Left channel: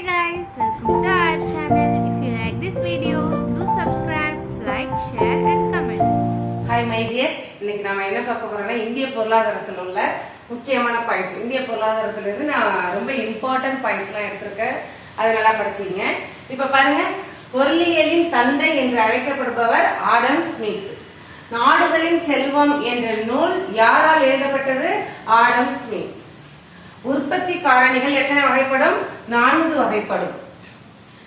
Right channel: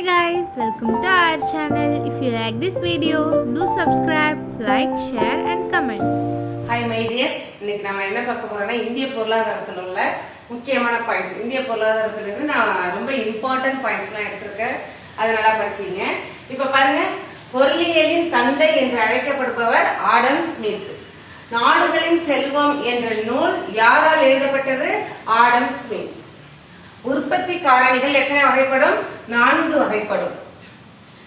Hi guys, welcome to our channel. If you like this video, do subscribe, like, share and comment. Hi my dears இன்னைக்கு நம்ம என்ன பார்க்க போறோம்னா இந்திய பொருளாதாரத்தில் உள்ள முக்கியமான பாயிண்ட்ஸ் இந்திய பொருளாதாரத்தில் இருந்து நான் ரொம்ப இம்பார்ட்டன்ட் பாயிண்ட்ஸ்லாம் எடுத்திருக்கேன். அதை நல்லா படிச்சீங்க இப்போ பாருங்க. பொருளியலின் தந்தை என்று அழைக்கப்படுபவர் ஆடம் ஸ்மித். நாடுகளின் செல்வம் என்ற நூல் யாரால் எழுதப்பட்டது? Adam Smith. உற்பத்தி காரணிகள் எத்தனை வகைப்படும்? நான்கு வகைப்படும்.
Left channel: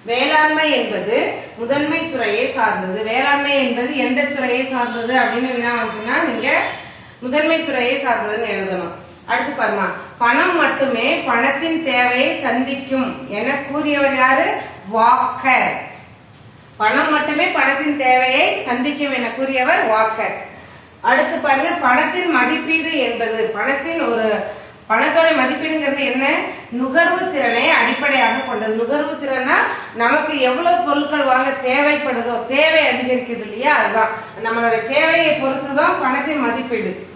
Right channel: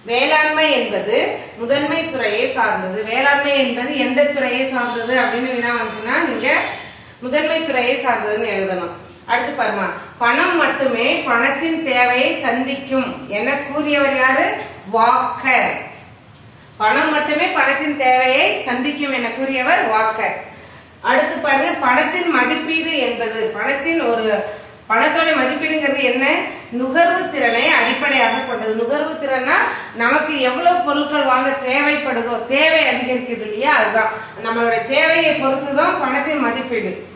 வேளாண்மை என்பது முதன்மை துறையை சார்ந்தது. வேளாண்மை என்பது எந்த துறையை சார்ந்தது அப்படின்னு வினா வந்துச்சுன்னா நீங்க முதன்மை துறையை சார்ந்ததுன்னு எழுதணும் அடுத்து பாருமா. பணம் மட்டுமே பணத்தின் தேவையை சந்திக்கும் என கூறியவர் யாரு? வாக்கர். பணம் மட்டுமே பணத்தின் தேவையை சந்திக்கும் என கூறியவர் வாக்கர். அடுத்து பாருங்க. பணத்தின் மதிப்பீடு என்பது பணத்தின் ஒரு பணத்தோட மதிப்பீடுங்கிறது என்ன? நுகர்வு திறனை அடிப்படையாக கொண்டது. நுகர்வு திறனா நமக்கு எவ்வளவு பொருட்கள் வாங்க தேவைப்படுதோ தேவை அதிகரிக்குது இல்லையா? அதுதான். நம்மளுடைய தேவையை பொறுத்து தான் பணத்தின் மதிப்பீடு.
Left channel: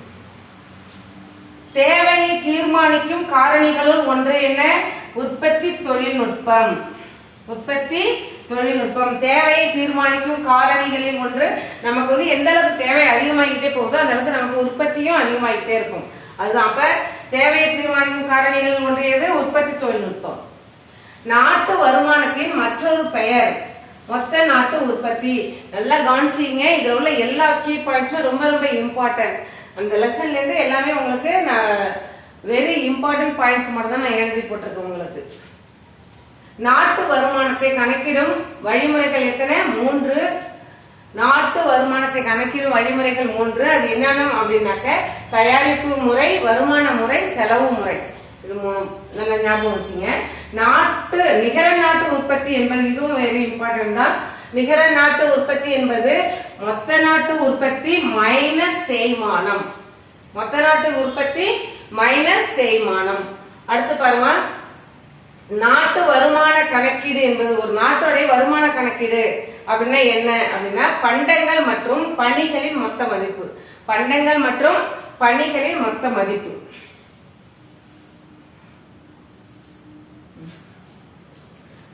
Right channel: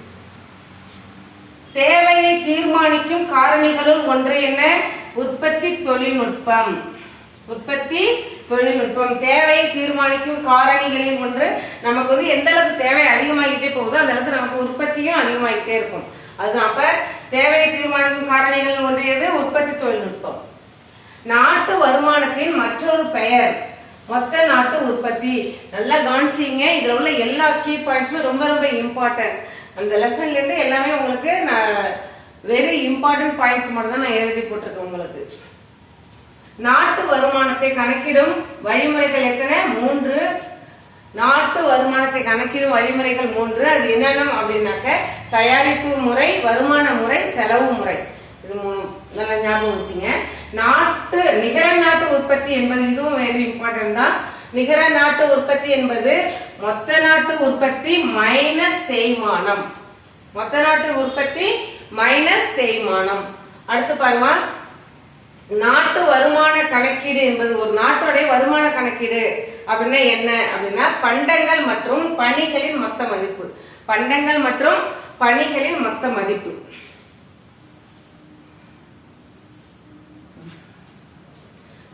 தேவையை தீர்மானிக்கும் காரணிகளுள் ஒன்று என்ன? உற்பத்தி தொழில்நுட்பம். உற்பத்தி தொழில்நுட்பம். தேவையை தீர்மானிக்கும் காரணிகளில் ஒன்று நமக்கு வந்து எந்த அளவுக்கு தேவை அதிகமாகிட்டே போகுதோ அந்த அளவுக்கு நமக்கு உற்பத்தியும் அதிகமாகிட்டே இருக்கும். அதுதான். அப்ப தேவையை தீர்மானிக்கும் காரணிகள் ஒன்றியது உற்பத்தி தொழில்நுட்பம். நாட்டு வருமானத்தின் மற்றொரு பெயர் மொத்த நாட்டு உற்பத்தி. நல்லா கவனிச்சிங்க இதுல உள்ள எல்லா கீ பாயிண்ட்ஸும் ரொம்ப ரொம்ப இம்பார்ட்டன்ட் அந்த லெசன்ல இருந்து எல்லாமே உங்களுக்கு நான் வெரி இம்பார்ட்டன்ட் பாயிண்ட்ஸ் மட்டும் தான் நான் எழுதி போட்டிருக்கேன் உங்களுக்கு. நாட்டு வருமானத்தை கணக்கிடும் வழிமுறைகள் எத்தனை? மூன்று நாட்டு வருமானத்தை கணக்கிடும் வழிமுறைகள் மூன்று. அது என்னென்ன அப்படின்னாக்க தயாரிப்பு முறை வருமான முறை செலவு முறை. இது மூணு நல்லா ஞாபகம் வச்சுங்க. நாட்டு நிகர நாட்டு உற்பத்தி என்பது இதுவும் வெரி இம்பார்ட்டன்ட் தான். நிகர நாட்டு உற்பத்தி என்பது மொத்த நாட்டு உற்பத்தி மைனஸ் தேய்மானம். மொத்த நாட்டு உற்பத்தி மைனஸ் தேய்மானம். அடுத்து பாருமா. நாட்டு வருமான கணக்கீடு என்பது ஒரு நாட்டோடைய வருமான கணக்கீடு. அப்படின்னா என்ன? அப்படின்னா பண்டங்கள் மற்றும் பணிகளின் மொத்த மதிப்பு. பண்டங்கள் மற்றும் பணிகளின் மொத்த மதிப்பு.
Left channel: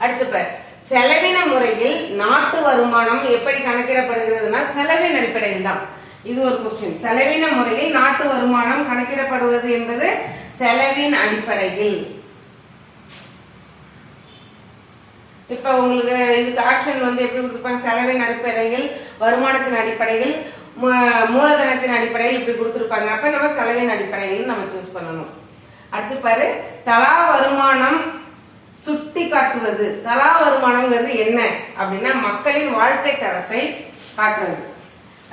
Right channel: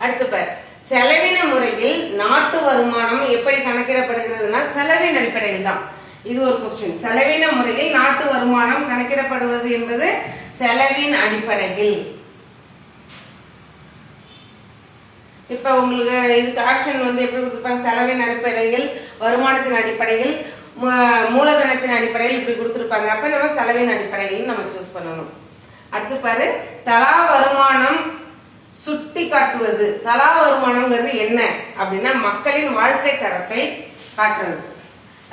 அடுத்து பேர். செலவின முறையில் நாட்டு வருமானம் எப்படி கணக்கிடப்படுகிறதுனா செலவின் அடிப்படையில் தான். இது ஒரு கொஸ்டின் செலவின முறையில் நாட்டு வருமானம் கணக்கிடப்படுவது என்பது செலவின் அடிப்படையில். இப்ப உங்களுக்கு இதுக்கு ஆப்ஷன் வந்து எப்படி கொடுத்துருப்பாங்க? செலவின் அடிப்படையில் வருமானத்தின் அடிப்படையில் மூலதனத்தின் அடிப்படையில் இப்படி கொடுத்துருப்பாங்க. அப்ப நம்ம செலவின் அடிப்படையில் நம்ம சூஸ் பண்ணணும். அடுத்து பாரு தலா வருமானம் சுட்டி காட்டுவது. தலா வருமானம்ங்கிறது என்ன? அப்படின்னா மக்களின் வாழ்க்கை தரத்தை காட்டுறது.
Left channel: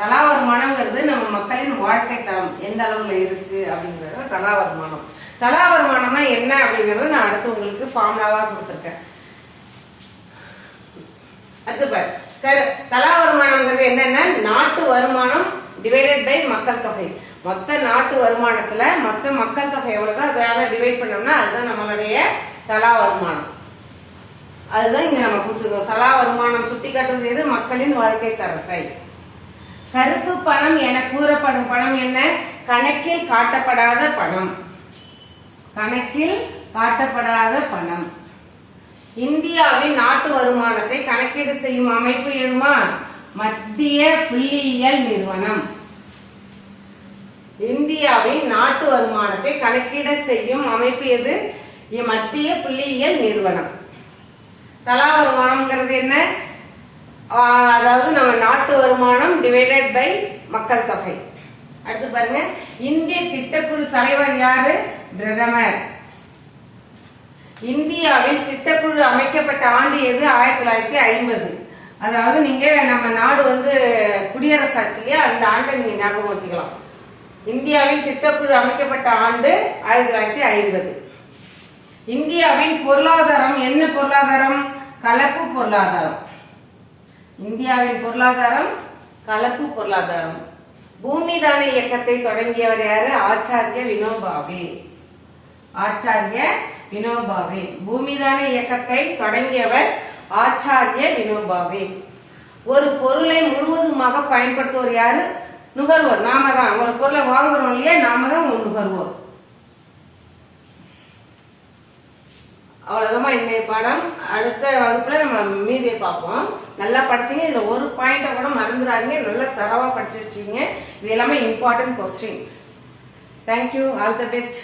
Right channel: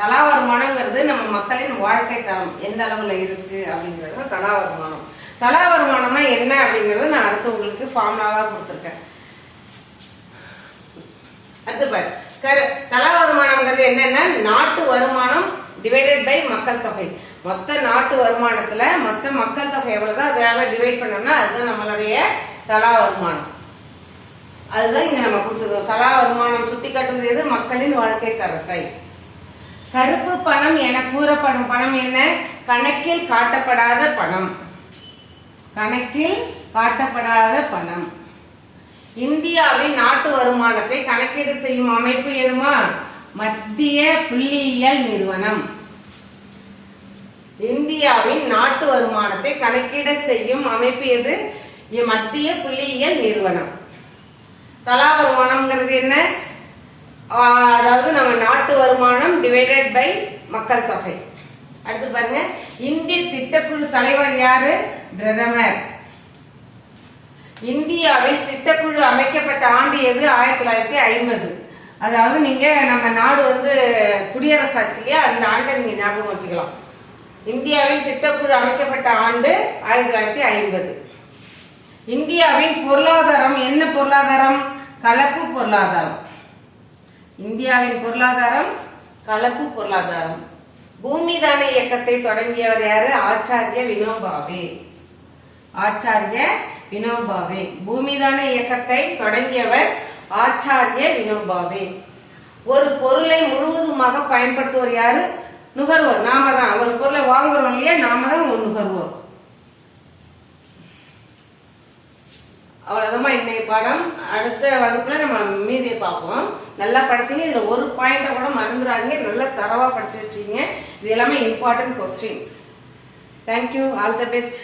தலா வருமானம்ங்கிறது நம்ம மக்களின் வாழ்க்கை தரம். எந்த அளவுல இருக்கு அப்படிங்கிறது தலா வருமானம். தலா வருமானம்னா என்ன அப்படிங்கறது நான் அடுத்து உங்களுக்கு ஃபார்முலாவா கொடுத்துருக்கேன். அடுத்து பாரு. கரு தலா வருமானம்ங்கிறது என்னன்னா நாட்டு வருமானம் டிவைடட் பை மக்கள் தொகை. மொத்த நாட்டு வருமானத்துல மொத்த மக்கள் தொகை எவ்வளவுதோ அதால டிவைட் பண்ணோம்னா அதுதான் நம்மளுடைய தலா வருமானம். அதுதான் இங்க நம்ம கொடுத்துருக்கோம். தலா வருமானம் சுட்டி காட்டுவது எது? மக்களின் வாழ்க்கை தரத்தை. கருப்பு பணம் என கூறப்படும் பணம் என்ன? கணக்கில் காட்டப்படாத பணம். கணக்கில் காட்டப்படாத பணம். இந்தியாவின் நாட்டு வருமானத்தை கணக்கீடு செய்யும் அமைப்பு எதுமா? மத்திய புள்ளியியல் நிறுவனம். இந்தியாவின் நாட்டு வருமானத்தை கணக்கீடு செய்யும் அமைப்பு எது? மத்திய புள்ளியியல் நிறுவனம். தலா வருமானம்ங்கிறது என்ன? அதாவது நம்ம நாட்டு வருமானம் டிவைடட் பை மக்கள் தொகை. அடுத்து பாருங்க. இந்திய திட்டக்குழு தலைவர் யாரு? பிரதமர். இந்தியாவில் திட்டக்குழு அமைக்கப்பட்ட ஆண்டு எது? ஆயிரத்தி தொள்ளாயிரத்தி ஐம்பது. அதாவது நீங்க நம்ம நாடு வந்து குடியரசு ஆட்சியிலேயே அந்த ஆண்டை நீங்க ஞாபகம் வச்சுக்கலாம். இந்தியாவில் திட்டக்குழு அமைக்கப்பட்ட ஆண்டு ஆயிரத்தி தொள்ளாயிரத்தி ஐம்பது. இந்தியாவின் பொருளாதாரம் என்ன பொருளாதாரம்? கலப்பு பொருளாதாரம். இந்தியாவின் பொருளாதாரம் கலப்பு பொருளாதாரம். பூமிதான இயக்கத்தை தொடங்கியவர் யாரு? ஆச்சாரிய வினோபாவே. ஆச்சாரிய வினோபாவே. பூமிதான இயக்கத்தை தொடங்கியவர் ஆச்சாரிய வினோபாவே. ஒரு பொருளை முழுவதுமாக பயன்படுத்துவோர் யாரு? நுகர்வோர். நாம தான் ஒரு பொருளை வாங்குறோம் இல்லையா? நாம தான் நுகர்வோர். அவ்வளவுதான் இன்னைய பாடம். அடுத்த வகுப்புல நம்ம மீதியை பார்ப்போம். நல்லா படிச்சீங்க. இதுல ஒரு பாயிண்ட கூட மறந்துடாதீங்க. நல்லா தரவா படிச்சு வச்சீங்க இது எல்லாமே important questions thank you all the best